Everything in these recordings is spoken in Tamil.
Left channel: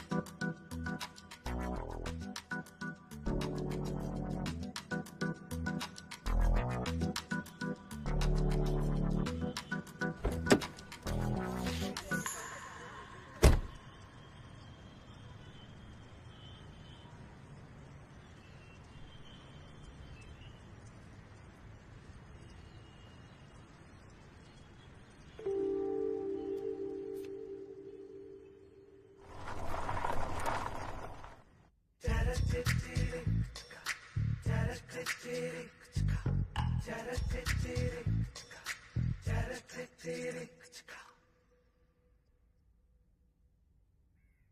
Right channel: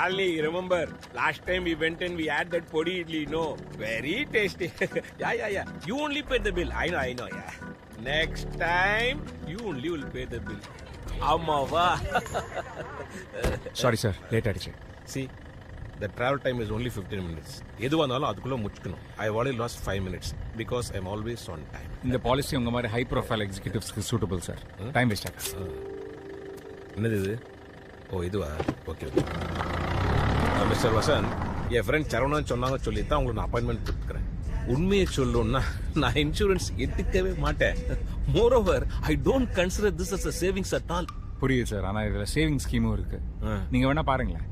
Shalini, remember last time we went and we had that podi idli, no? Very tasty. Yeah. You only pay the bill. I know, yeah. Next time, you only will pay the bill. Amava. Sorry sir late ஆயிடுச்சு. See, the travel time is only 15 minutes. எதுவானாலும் அதுக்குள்ள முடிச்சுக்கணும். I already lost 5 minutes because I'm always on time. இந்த பாலிசி உங்க மாதிரி ஹை ப்ரொஃபைல் எக்ஸிகியூட்டிவ்ஸ்க்கு சூட்டபிள் சார். டைம் வேஸ்ட் ஆகுது. என்னது இது? ஓ இதுவா? ஓகே. மிஸ்டர் வசந்த், என் ஃப்ரெண்ட் சரவணன் சொன்னாங்க சொல்லி தான் உங்களுக்கு நான் அப்பாயின்மெண்ட் கொடுக்குறேன். உண்மையை சொல்லணும்னா நான் இன்சூரன்ஸ் எடுத்துக்கவே மாட்டேன். Moreover I don't consider this as a savings at all. புரியுது சார், ஆனால் இதில் சேவிங் ஸ்கீமும் இருக்கு. நீங்கள் வேணா பாருங்களேன்.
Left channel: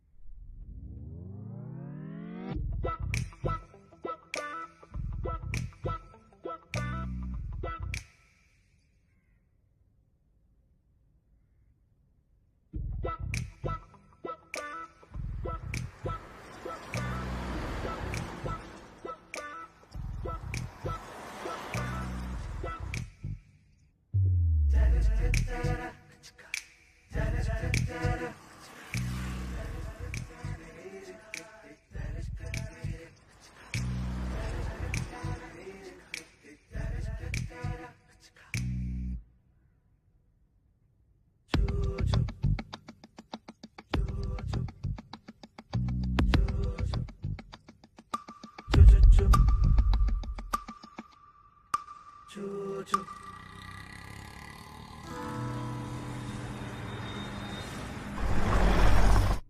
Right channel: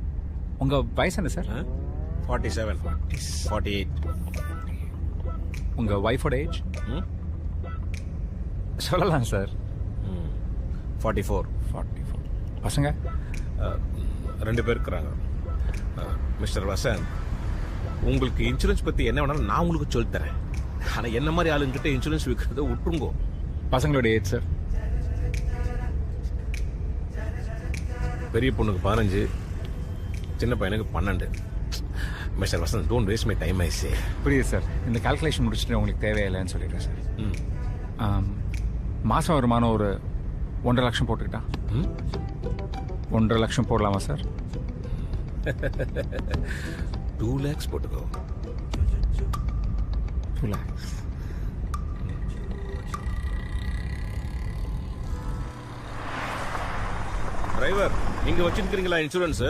உங்கள் வயசு என்ன சார்? 47, 48. உங்கள் ஒய்ஃபோட ஏஜ் சொல்லலாம் சார். 44. பசங்க 2 பேர் இருக்கிறாங்க. மிஸ்டர் வசந்த், உங்களுக்கு இன்சூரன்ஸ் பற்றி என்ன வேணாலும் நான் உங்களுக்கு சொல்லித்தரேன். ஆனால் என்ன மாதிரி ஆளுங்கிட்ட இன்சூரன்ஸ் விற்கிறத விட்டுருங்கோ. பசங்களோட ஏஜ் சார்? பெரிய பொண்ணுக்கு 15, சின்ன பையனுக்கு 12. Mister Vasanth, don't waste my time I say. புரியுது சார். இந்த கால்குலேஷன் முடிச்சுட்டு உங்களுக்கு தேவையில்லைன்னு சொல்லிடுறேன் சார். மாதம் வருமானம் ஒரு 1.5 லட்சம் போட்டுக்கிட்டா 1.5 லட்சம் போடலாமா சார்? 2 lakhs போட்டுக்கோ. 2 lakhs. டிரைவர், நீங்க வச்சிருக்கீங்களா இன்சூரன்ஸ்?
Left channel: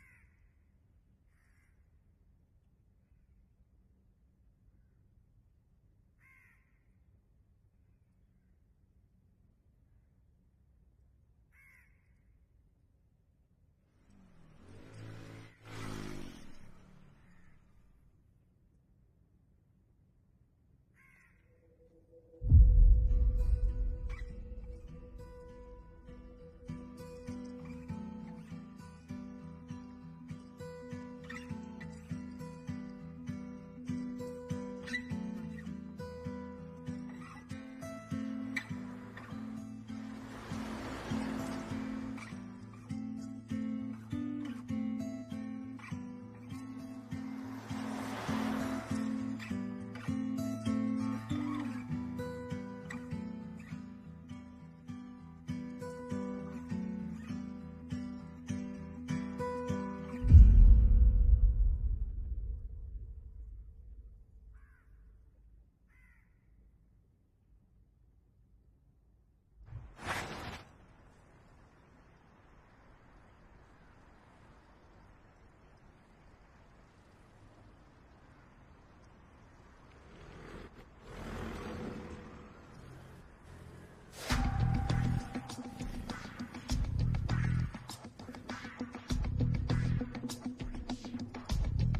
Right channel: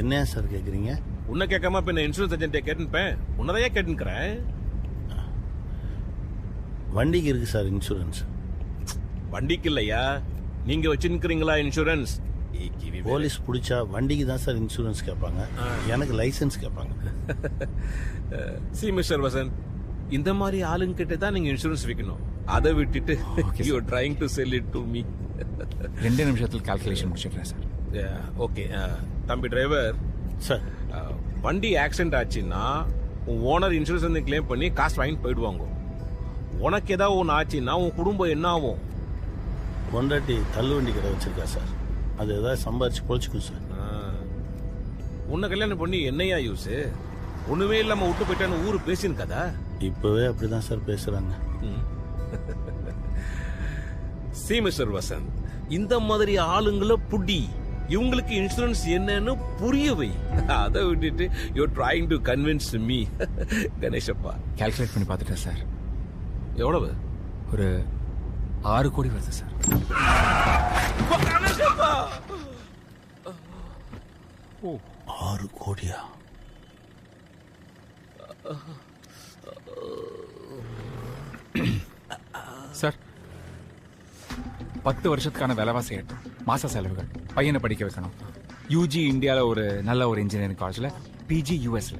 என்ன சார் கேக்குறீங்க? உன்னை கேட்காம இப்ப நான் இன்சூரன்ஸ் ஏஜென்ட்டை கேட்டுப்பேன். உன்னதையே கேட்டுக்கிறேன். வண்டிக்கு இருக்கு சார் இன்சூரன்ஸ். வண்டிக்கு இல்லையா, நீங்க வச்சிருக்கீங்களா இன்சூரன்ஸ்? போலீஸ் பிடிச்சா வண்டிக்கு தான் சார் இன்சூரன்ஸ் கேட்பாங்க, எனக்கு லைசன்ஸ் கேட்பாங்க. சி மிஸ்டர் வசந்த், இந்த மாதிரி ஆளுங்க கிட்ட தான் நீங்க இன்சூரன்ஸ் விற்கணும். அதை விட்டுட்டு you are trying to sell it to me. 2 நிமிஷத்தில் கால்குலேஷன் முடிச்சிடுறேன் சார். ஓகே. தம்பி டிரைவர் சார், வண்டி ஆக்சிடென்ட் ஆச்சுன்னா உன் ஓனர் இன்சூரன்ஸ் வந்து கிளைம் பண்ணி காசு வாங்கிட்டு போயிடுவாங்க. உனக்கு ஏதாவது ஒன்று ஆச்சுன்னா உன் குடும்பம் என்ன ஆகும்? பொண்டாட்டி தள்ளு வண்டி கடை வச்சிருக்கா சார், அது ஏதாவது சம்பாரிச்சு பொழைச்சிக்கும் சார். உன்னை கல்யாணம் பண்ணி என்னையா யூஸ்? ஒண்ணுமே இல்லாம விட்டு போயிட்டான்னு ஊரு பேசின்னு கதா? இப்பவே அப்படிதான் சார் பேசுறாங்க. சி மிஸ்டர் வசந்த், இந்த மாதிரி ஆளுங்களை புடி, இவங்களுக்கு இன்சூரன்ஸ் என்னன்னு புரியவை. அதை விட்டுட்டு you trying to convince me. Ganesappa, calculate பண்ணி பார்த்துட்டேன் சார். எவ்வளவு? ஒரு 6 கோடி வருது சார். கணேசப்பா, 6 கோடியா? சார் 10 வருஷத்துக்கான விலைவாசி ஏற்றம், மாச செலவுகள், பையனை படிக்க வைக்கணும், யூஜி இந்தியாவில் ஒரு நல்ல ஒரு இன்ஜினியரிங் காலேஜில், பிஜி யூஎஸ்ல.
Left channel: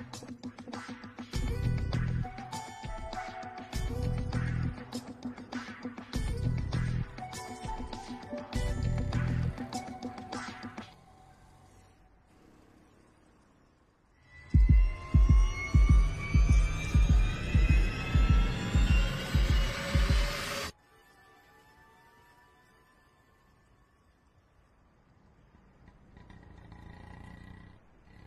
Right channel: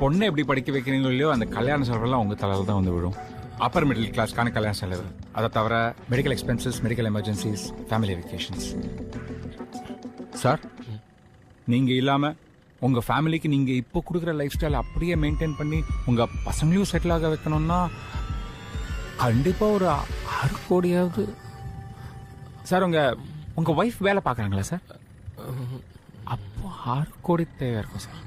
பொண்ணை எப்படி படிக்க வைக்கிறீங்களோ இல்லையோ அந்த கல்யாண செலவுலாம் உங்கள் தலையில் தான் வந்து விடும். அப்பர் மிடில் கிளாஸ்க்கான கல்யாண செலவு, அதை தவிர medical expenses, medical emergencies, family vacations. Sir, நீங்கள் இல்லாமல் உங்கள் ஃபேமிலிக்கு நீங்கள் இப்போ கொடுக்குற லைஃப் ஸ்டைல் அப்படியே மெயின்டைன் பண்ணி உங்கள் பசங்களையும் செட்டில் ஆக வைக்கணும்னா கண்டிப்பாக ஒரு 6 கோடியாவது. சார், உங்கள் ஒய்ஃப் வேலை பார்க்குறாங்களா சார்? அப்போ 6 கோடி தேவை இருக்கும் சார்.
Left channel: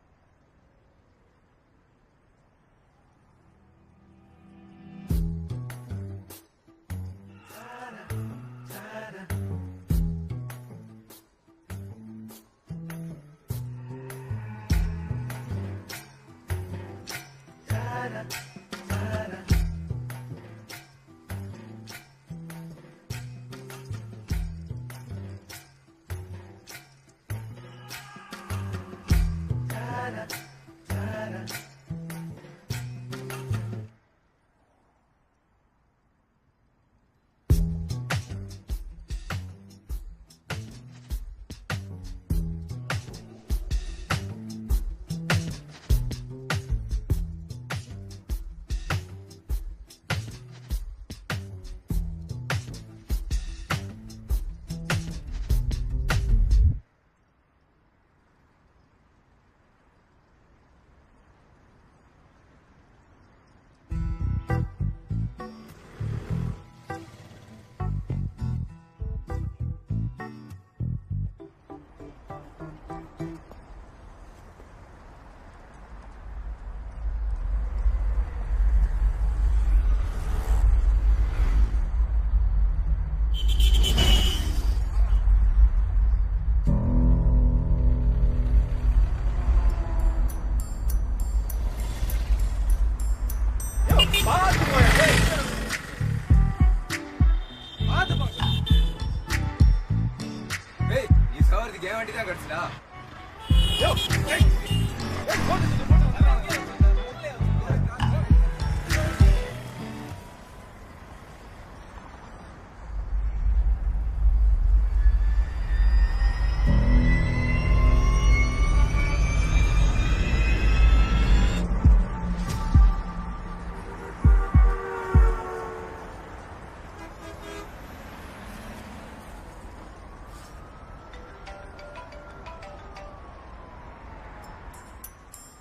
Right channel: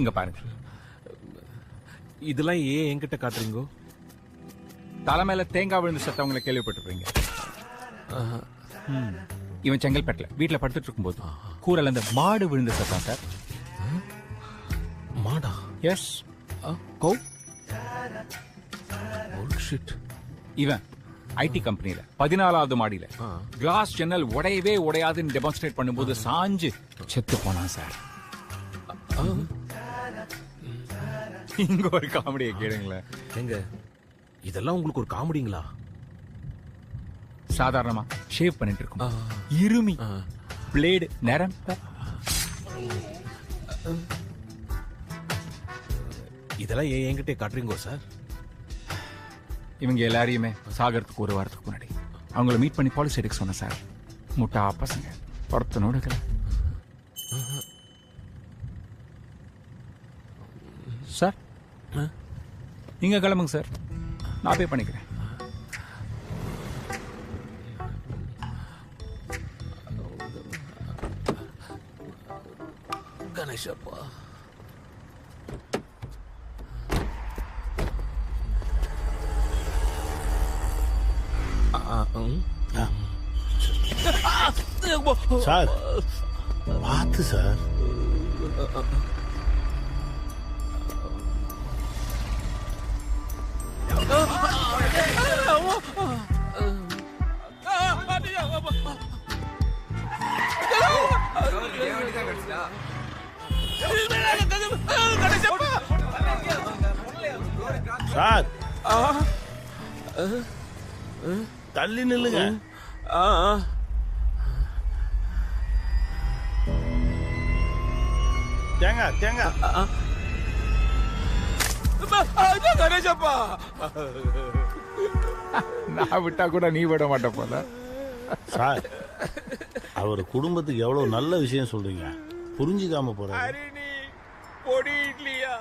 இங்க பாருங்க, இதெல்லாம் ஏன் என்கிட்ட காட்டுறீங்கோ? தலைமையில தேங்காய் விழுந்து செத்தவங்களை கேள்விப்பட்டிருப்பீங்க. இவன் செங்கல்பேட்டில் வீட்டில் படுத்துட்டு இருக்கும்போது கூரையில இந்த மாடு விழுந்து செத்தான் சார். மாடா? எஸ். கௌ? இவன் ஐடி கம்பெனியில 14வது மாடியில கிளாஸ் ஜன்னல் உடையவே உடையாதுன்னு டெமான்ஸ்ட்ரேட் பண்ணும்போது சாஞ்சு செத்து போனான் சார். இங்க ஒரு காமெடியை கேளுங்களேன். எங்க இதெல்லாம் உங்களுக்கு ஒரு காமெடிங்களா? சாதாரணமா ஷேவ் பண்ணிட்டு இருக்கும், இருமி பிளேடு நேரம். இதெல்லாம் ஏன் என்கிட்ட காட்டுறீங்கோ சார்? இவங்க எல்லாரையுமே சாகரத்துக்கு 1 வாரத்துக்கு முன்னாடி அவங்கள மீட் பண்ணி பாலிசி எடுக்க சொன்னேன் சார். முட்டா பசங்க ஒருத்தனோட. சார், நீங்க கிளம்புங்க சார், நான் பே பண்ணிக்கிறேன். கணேஷப்பா. சார் பார்த்து சார். சார் தள்ளி நில்லுங்க. தேங்காய் தேங்காய். கணேஷப்பா, நான் விட்டா கூட நீ விட மாட்ட போல. சார் அவர் குடும்பத்துக்கு எவ்வளவு நல்ல விஷயம் சொல்றீங்க, புரிஞ்சுக்காம போறாரு. அரிணி பொடி இட்லியா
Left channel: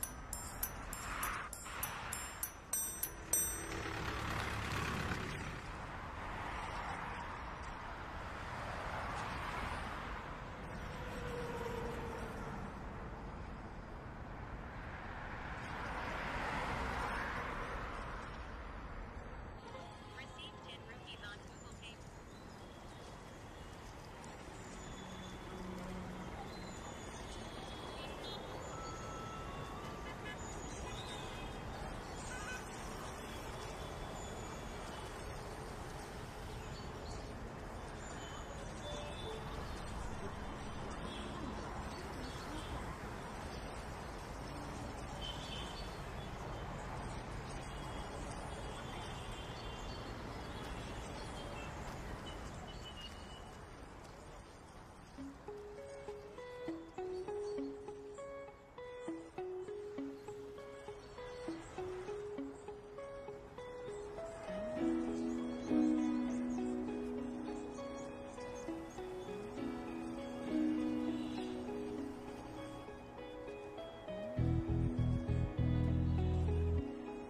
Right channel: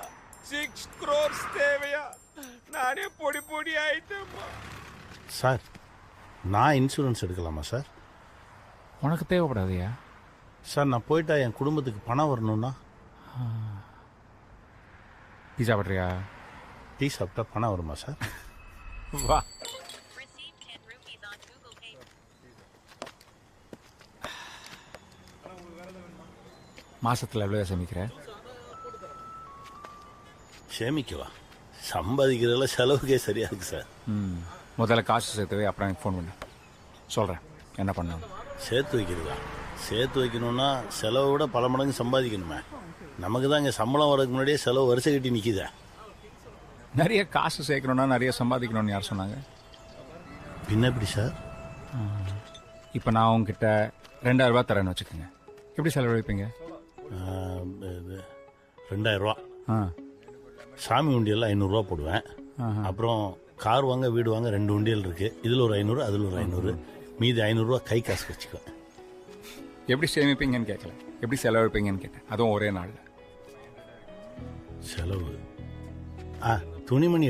6 crores தேவையா? நானே பொடி பொடி ஆயிட்டேன். சார் நான் இன்சூரன்ஸ் எடுக்கலாமா சார்? உனக்கு தேவைப்படாதியா? சார் நான் போயிட்டா என் குடும்பத்துக்கு பணம் வரணும்னா? டீ சாப்பிட்றியா? டீ சாப்பிட்டா பணம் வருமா சார்? வா. மாசத்துல எவ்வளோ சேமிக்கிற? சேமிக்கவா? சம்பாதிக்கிறதுல செலவுக்கே சரியா இருக்கு சார். முதல்ல காசு சேர்த்துவே, அப்புறம் எனக்கு ஃபோன் பண்ணு, சொல்கிறேன் என்ன பண்ண. சேர்த்து வைக்கிறதா? சேர்த்து வைக்கணும்னா செலவை விட பல மடங்கு சம்பாதிக்கணுமே. நமக்கு தான் இங்கே சம்பளம் வரதுக்கு முன்னாடியே செலவு வரிசை கட்டி நிற்கிதே. நிறைய காசு சேர்க்கணுன்னா நிறைய சம்பாதிக்கணும்னு யார் சொன்னாங்க? பின்ன எப்படி சார்? இப்போ நான் உங்ககிட்ட 2000 ரூபாய் தரேன்னு வச்சுக்கோங்க, எப்படி செலவழிப்பீங்க? 2000 ரூபா. ஆ, சாமி உண்டியெல்லாம் 500 ரூபா போடுவேன். அப்புறம் கார் வாங்க வீடு வாங்க 2 உண்டியல் இருக்கு. இதில் ஒரு 500, அதில் ஒரு 500, மீதி 500 ரூபா கை காசு வச்சுக்குவேன். எப்படி சேமிப்பீங்கன்னு கேட்கல, எப்படி செலவழிப்பீங்கன்னு கேட்டேன், அதுவும் ஒரே நாள். செலவு துணிமணி